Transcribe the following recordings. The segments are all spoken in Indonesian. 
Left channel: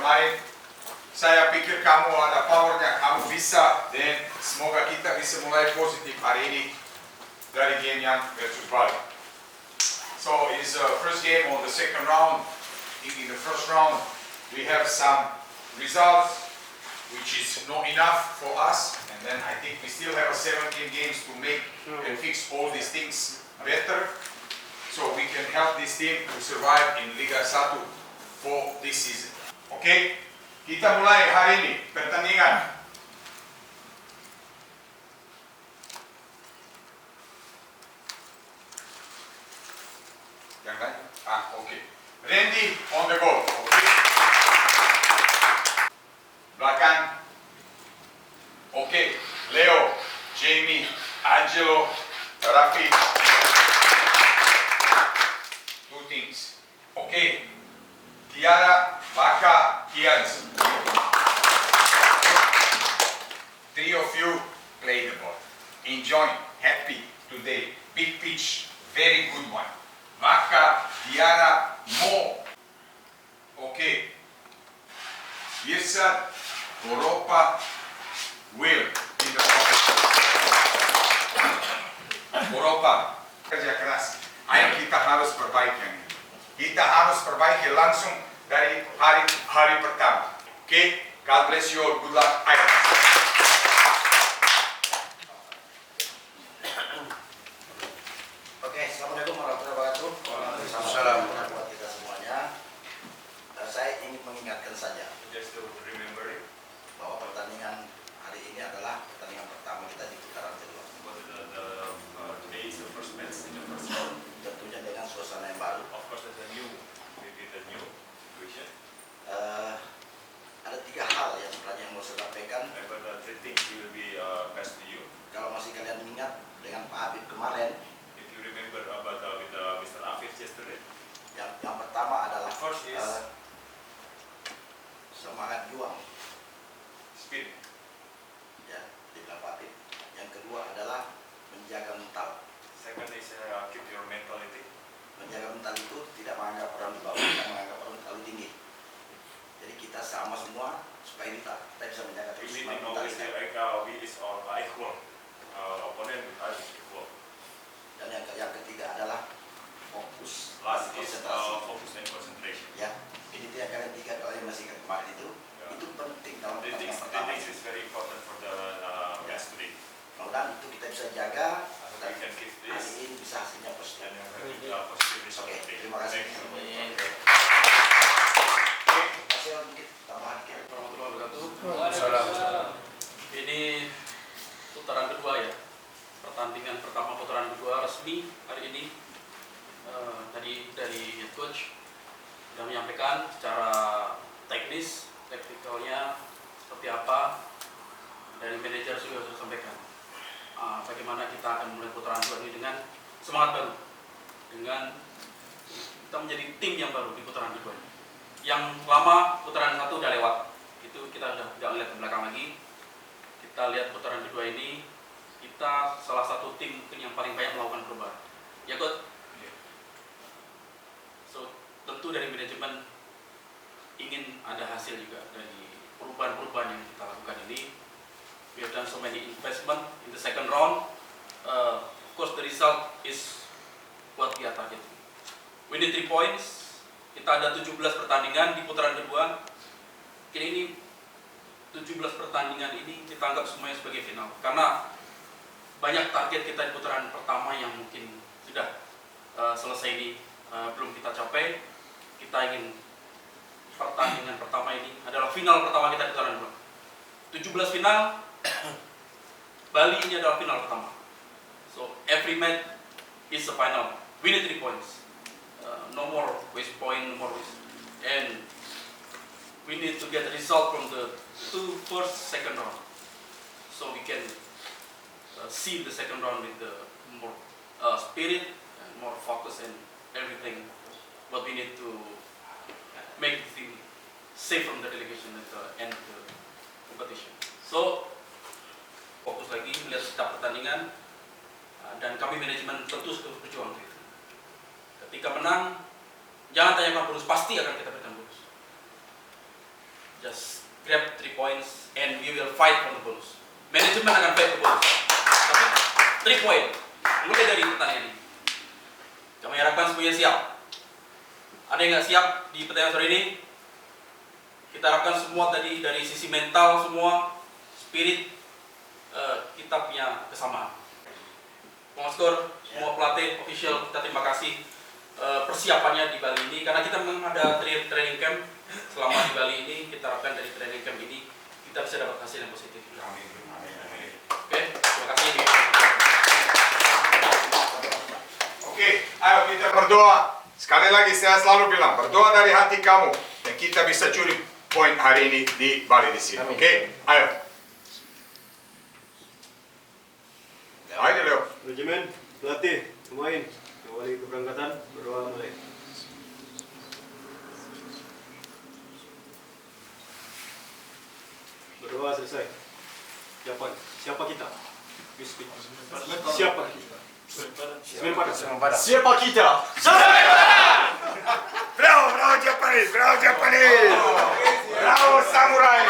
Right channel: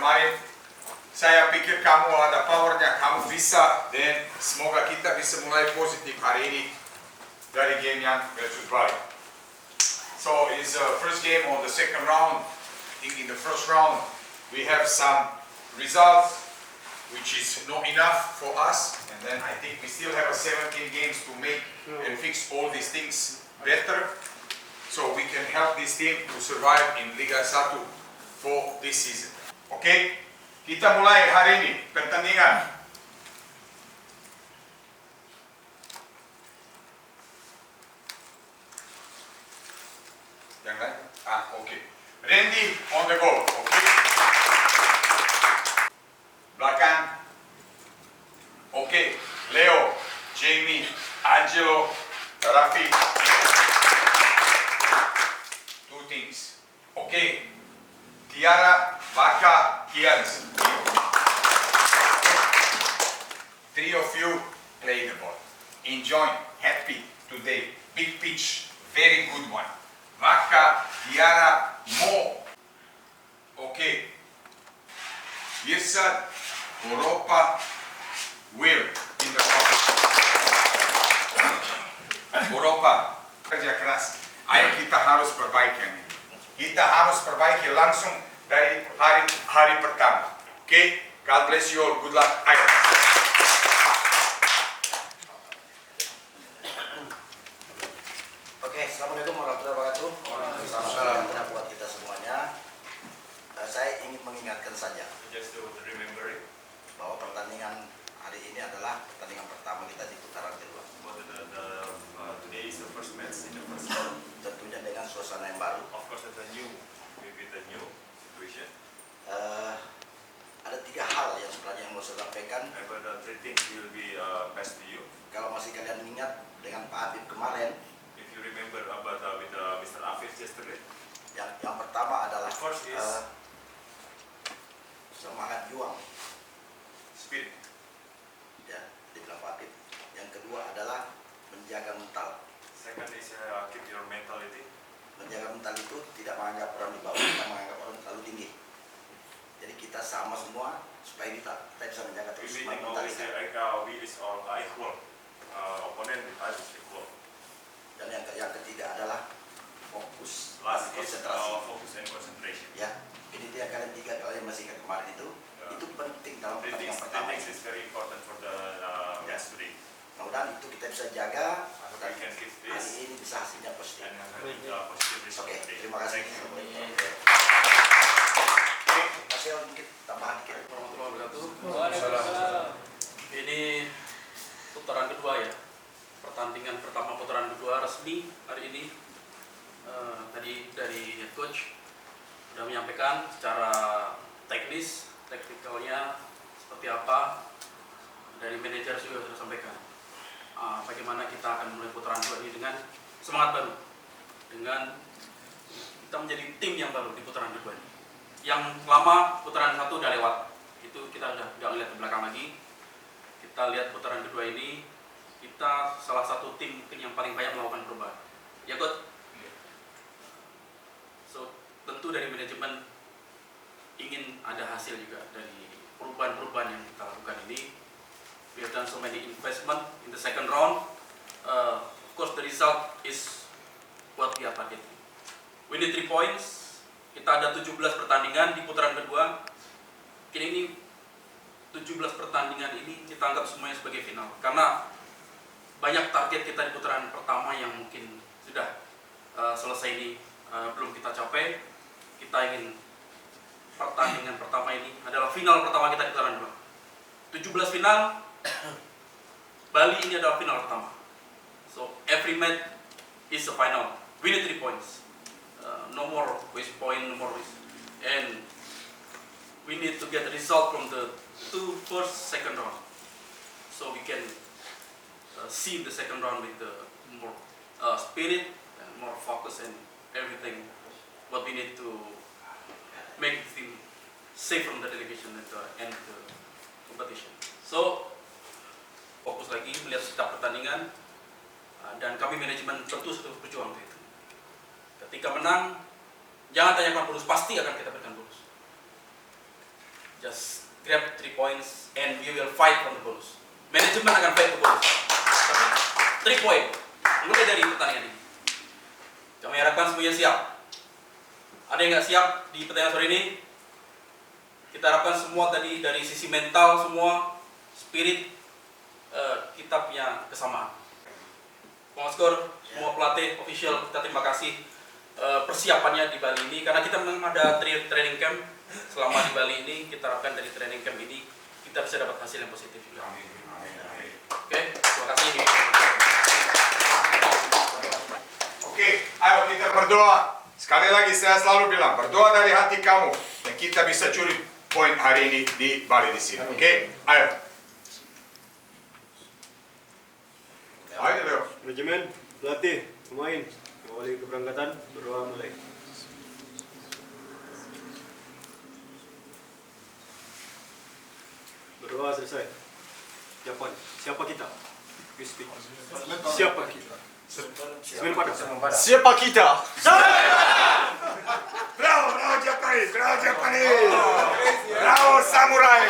kemarin. Saya pikir kamu ada powernya, kamu bisa, dan semoga kita bisa mulai positif hari ini dari game yang versus Bali. So it's the first game of the second round. I think in the first round we have some results which is not enough for us, and then I think we still have 17 games to make and fix all these things better, so we can help this team to survive in Liga 1 for this season. Okay? Kita mulai hari ini pertandingan. Yang lain? Okay. Randy on the goal. Okay. Belakang. Okay. Leo, Jamie, Angelo, Rafi. Two things. Okay. Tiara, Baka, Kians. Three of you play the ball. Enjoy, happy today. Big pitch, very good one. Baka, Tiara, Mo. Okay. Yesad, Europa, Will in the front. Europa, kerja keras. Ayo kita harus perbaiki ini. Kita harus perbaiki langsung dari hari pertama. Okay? God bless you all. Good luck. Ayo. Oke, assalamualaikum warahmatullahi wabarakatuh. Waalaikumsalam buat kita semuanya. Saya ingin mengingatkan saja Just to remember it. bahwa pertandingan hari ini adalah pertandingan pertama kita di putaran kedua. Today is the first match in the first round. Tentunya dengan suasana yang baru. Of course, it's a new situation. Ada 3 hal yang sebenarnya yang mau saya sampaikan. But three things will be passed to you. Kalau masih kalian ingat dengan Pak Habib kemarin, If you remember about with Mr. Afif yesterday. yang pertama adalah First is semangat juang, spirit. ya, dibilang Pak Habib. Yang kedua adalah menjaga mental. Second is keep your mentality. Menjaga mental itu tidak menganggap orang di bawah, tidak menganggap orang terlalu tinggi. Jadi kita sama semua supaya kita bisa menjaga terus Everything mental always kita. we is all equal. Opponent with us is equal. Dan yang ketiga adalah fokus, Last is konsentrasi. focus and concentration. Ya, ini dia kalian 3 kalau yang masih ingat kemarin itu penting dalam Three pertandingan things pertama. is very important for the match today. Mudah-mudahan itu kita bisa jaga We dan can keep hari this ini bisa hasilnya positif. and have positive result Oke, today. terima kasih. Thank you. Oke, kasih sedikit tambahan dikit. Warahmatullahi wabarakatuh. Ini putaran kedua ya. Pertandingan pertama putaran kedua resmi hari ini. Tadi dari head coach sudah menyampaikan secara teknikalnya seperti apa. Dari manajer juga sudah sampaikan bagaimana kita akan mulai putaran kedua ini dengan semangat baru, dengan kita menjadi tim yang baru di putaran kedua ini. Yang lama putaran 1 udah lewat, itu kita sudah tidak melihat ke belakang lagi. Kita lihat putaran kedua ini, kita salah satu tim mungkin yang paling banyak melakukan perubahan. Ya coach. So tentu dari manajemen ingin ada hasil juga dari perubahan-perubahan yang kita lakukan ini. We have done so many investment in the second round. Of course the result is what we are targeting. We need 3 points. Kita ada 17 pertandingan di putaran kedua. Kini ini 17 pertandingan ini kita anggap semuanya sebagai final. Karena banyak target kita di putaran pertama yang mungkin sudah selesai ini belum kita capai. Kita ingin pertandingan pertama ini adalah final pertama kita di putaran kedua. 17 final, Bali ini adalah final pertama. So every match is a final. We need 3 points. No more waste point, no more waste. And we need to get the result from the 2 first, second round. So we can see the second round with the more spirit and more focus and everything. What we need to make the team safe from the delegation at the end of the competition. So fokus lagi melihat setiap pertandingan dan kami manajemen tentu sudah berjuang untuk itu. Ketika menang, jangan tanyakan bonus, pasti akan kita berikan bonus. just grab 3 points and we will fight for the bonus. Manajemen akan fight for bonus. Tapi 3 point mulai dari pertandingan ini. Kami harapkan semuanya siap. Ada yang nggak siap di pertandingan sore ini? Kita harapkan semua tadi dari sisi mental semua, spirit, kita punya kesamaan. Pengaskor, semua pelatih, official, kita terima kasih persiapannya di Bali ini karena kita memang ada training camp selama di Bali ini. Kita harapkan dari training camp ini kita bisa dapat hasil yang positif juga. Oke, terima kasih. Oke, ayo kita berdoa. Sekali lagi saya selalu bilang, berdoa dari hati kamu dan kita bisa curi poin hari ini di Bali di sini. Oke, ayo. Ayo Leo. Manajemen, pelatih, pemain, mengawali keberangkatan, berdoa mulai. Berdoa selesai. Jawaban, siapa kita? You speak. Siapa kita? Semen Padang. Siapa kita? Bravo, bravo Japanese, bravo Japanese. Bravo Samurai.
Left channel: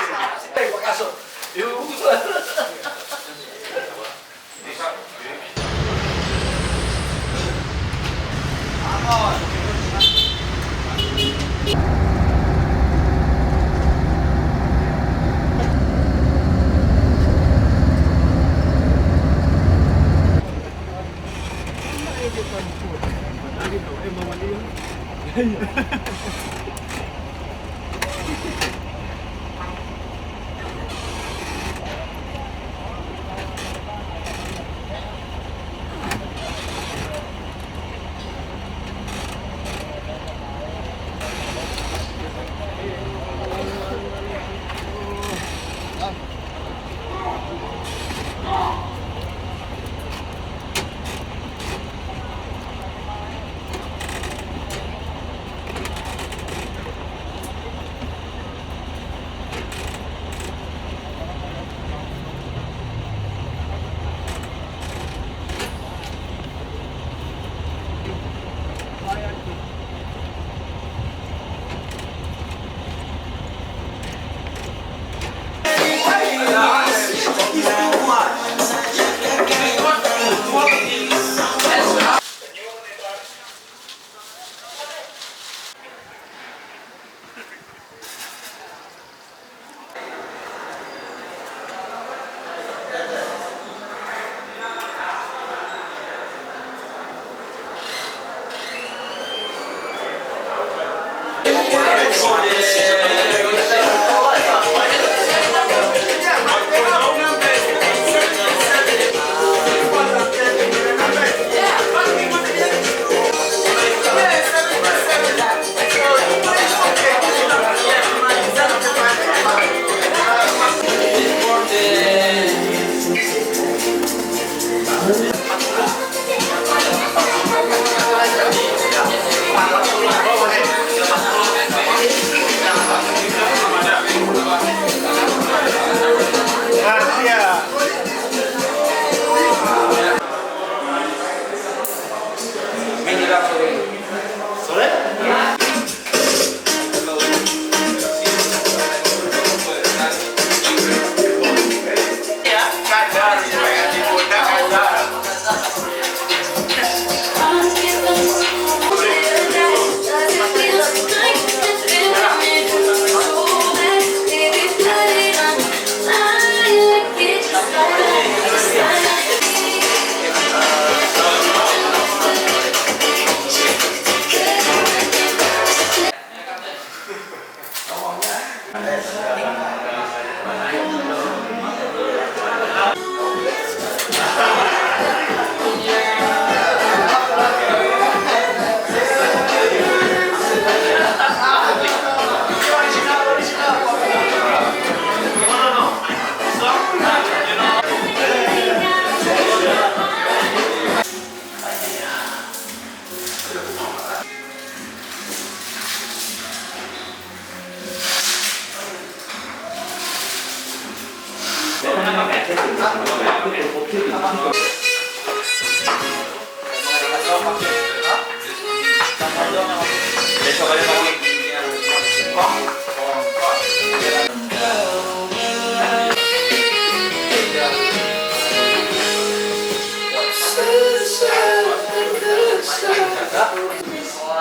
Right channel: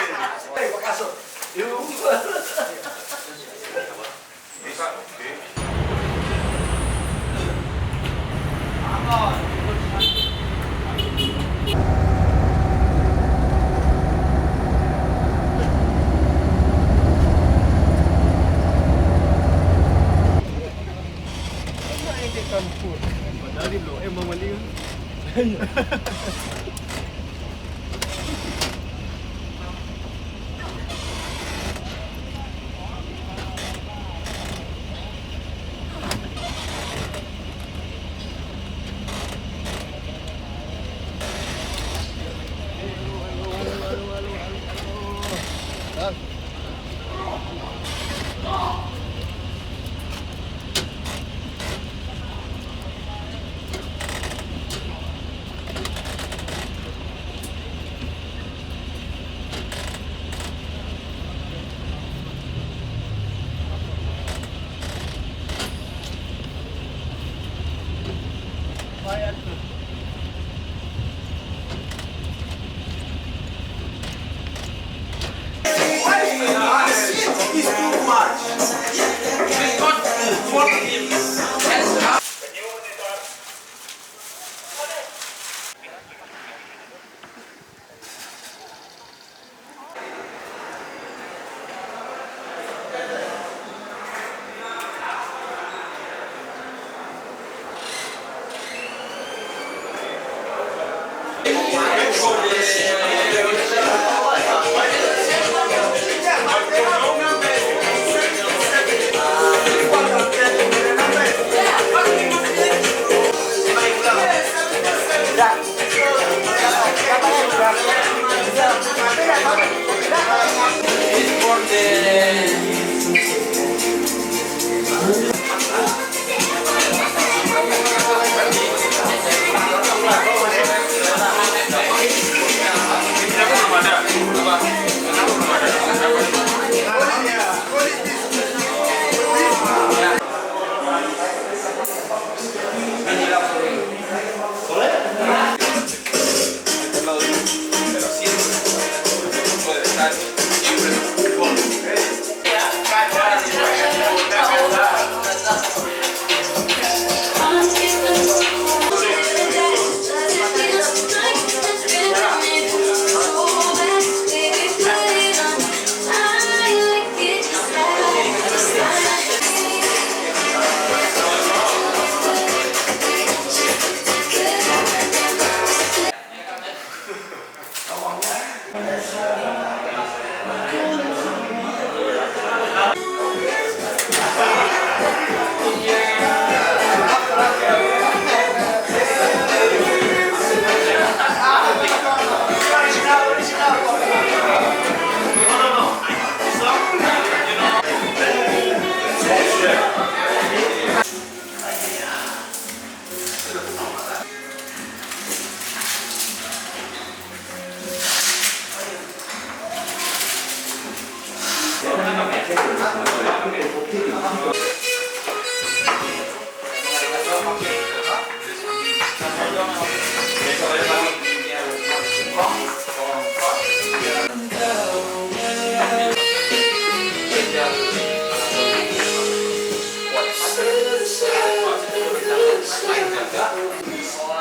Besok aja mau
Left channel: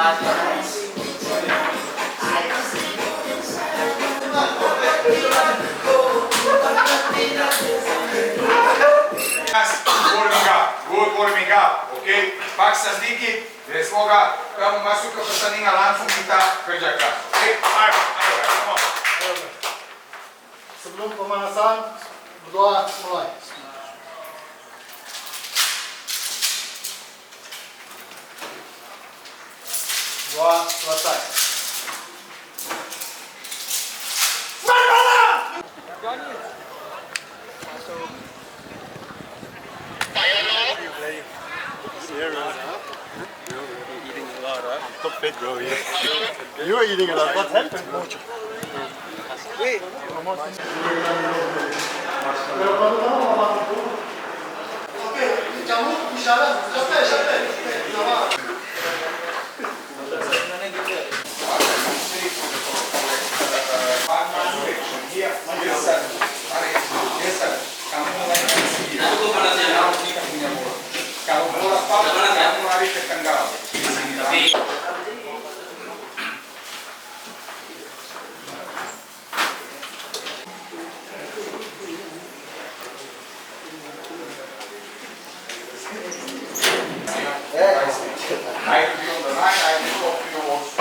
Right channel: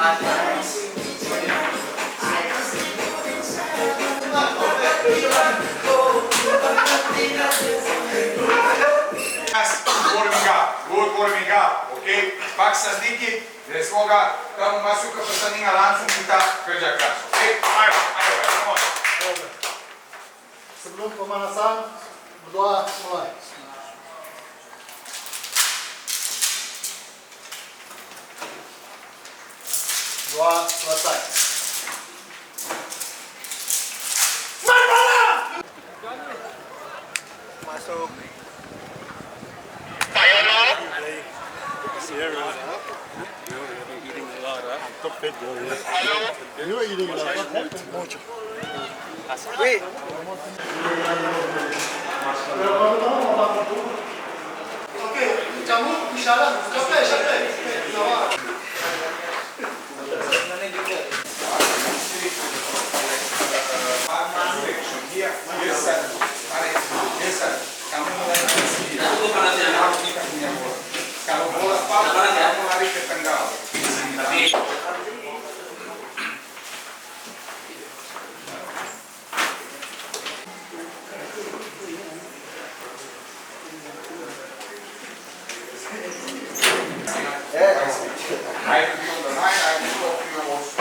Good warming up, oke? Paksa sedikit, dan semoga kamu masuk ke pertandingan langsung kita kerja keras, oke? Ayo, come on. Sebelum pemanasan, berdoa mulai. Doa selesai. You are eating a lot. What happened? Mucho. Oke, kamu bicara. Sampai. Sama. Kamu mulai dari sini. Kalau bola pas, kamu lari ke tengah. Di sini. I will be on the line, I will talk to you also.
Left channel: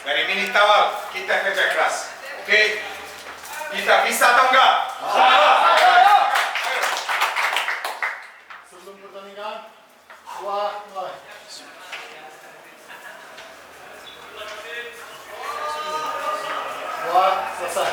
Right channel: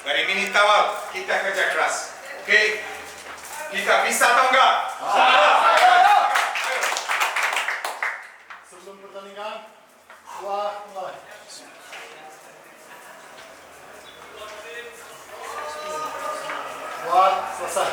Dari menit awal kita kerja keras, oke? Kita bisa atau enggak? Sebelum pertandingan, doa mulai. Doa selesai.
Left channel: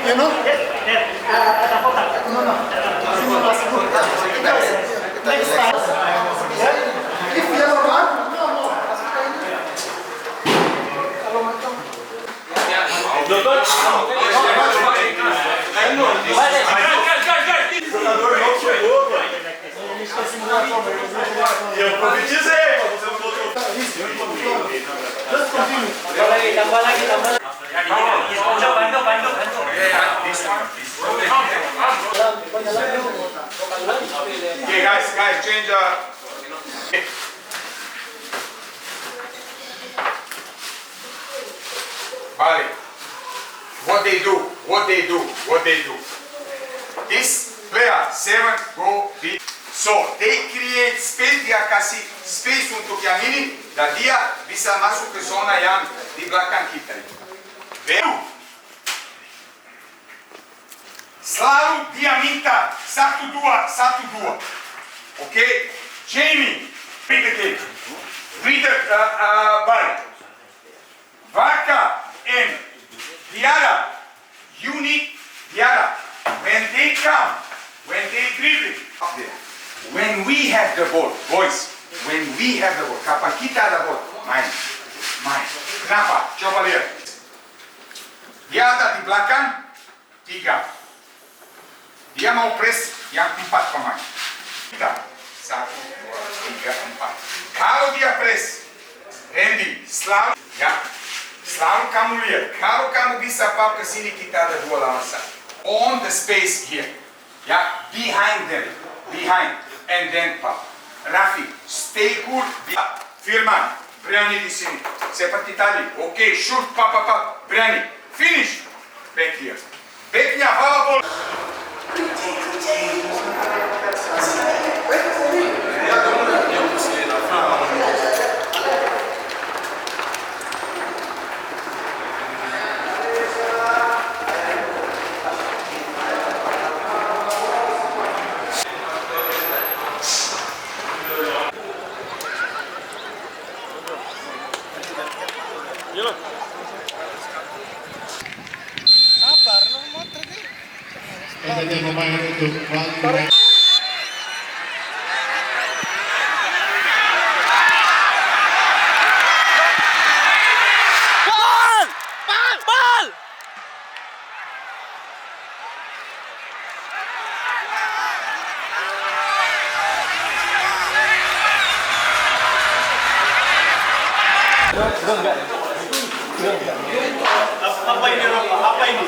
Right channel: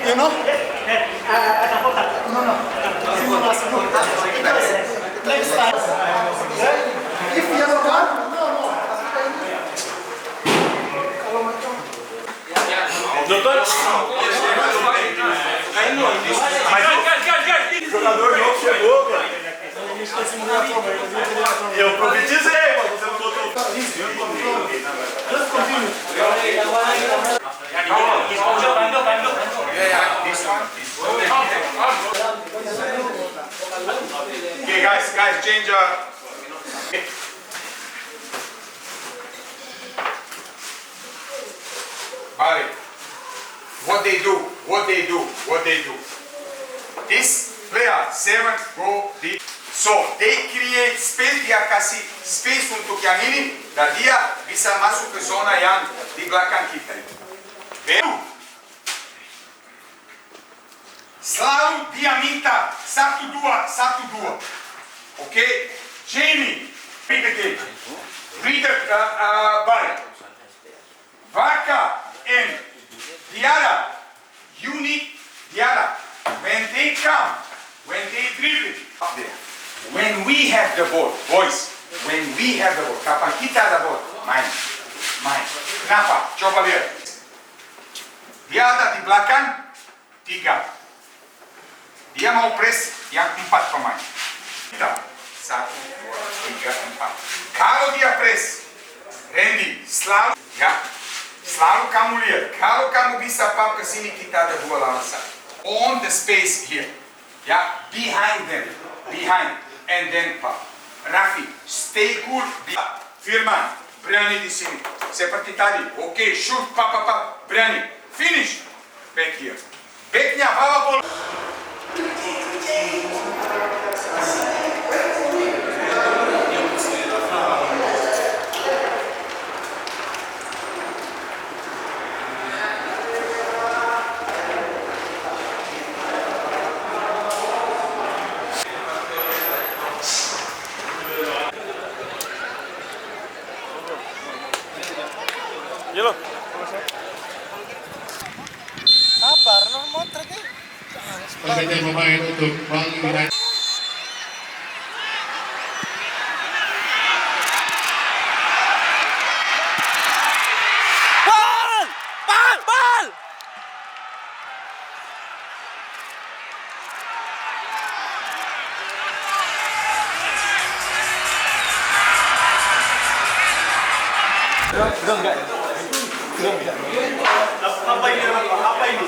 You know? No. Next time. If yellow card, no. Kalau macam Eu profetizei, você não botou. Let's continue. Tambah lagi. Bantu. Okay, guys, change. Bali, what they do. This player 7 go deep. So they create space, dia kasih space untuk yang ini dan dia bisa masuk ke zona yang di belakang kita ini. Selalu dia minta 1-2. Okay? Jamie, read the game. Read the ball. Vaca and Diarra, you need Diarra. When they come, when they dribble, up there. When we have the ball, boys, kapan kita ada ball, main. Kenapa? Coba lihat. Dia ada di belakang 3. Dia mau press yang 4 pemain. Kita 1, 2, 3, 4. Kalau dia press, Randy, selalu kamu lihat. Kalau kamu bisa pap ke sini, kita ada 2 lawan 1. On the space here, ya, behind them, and then pop. Rafi, stay cool. Firman, berani di sini. Seperti tadi. Okay, shoot, pop, berani. Finish. Back here. Backnya bawa bola. Yellow. Sabar, no motor deh. Saja pemain untuk Bang. Apa ini? Apa ini?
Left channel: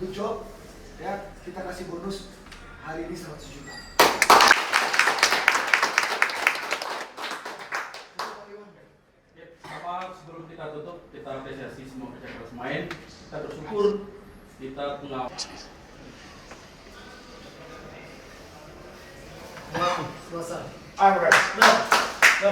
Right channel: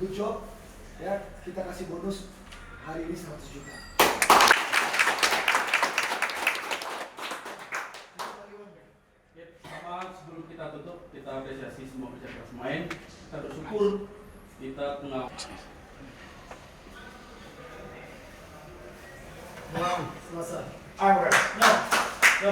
Good job. Ya, kita kasih bonus hari ini 100 juta. Sebelum kita tutup, kita apresiasi semua kerja keras main. Kita bersyukur kita punya. Selesai. Alright. No.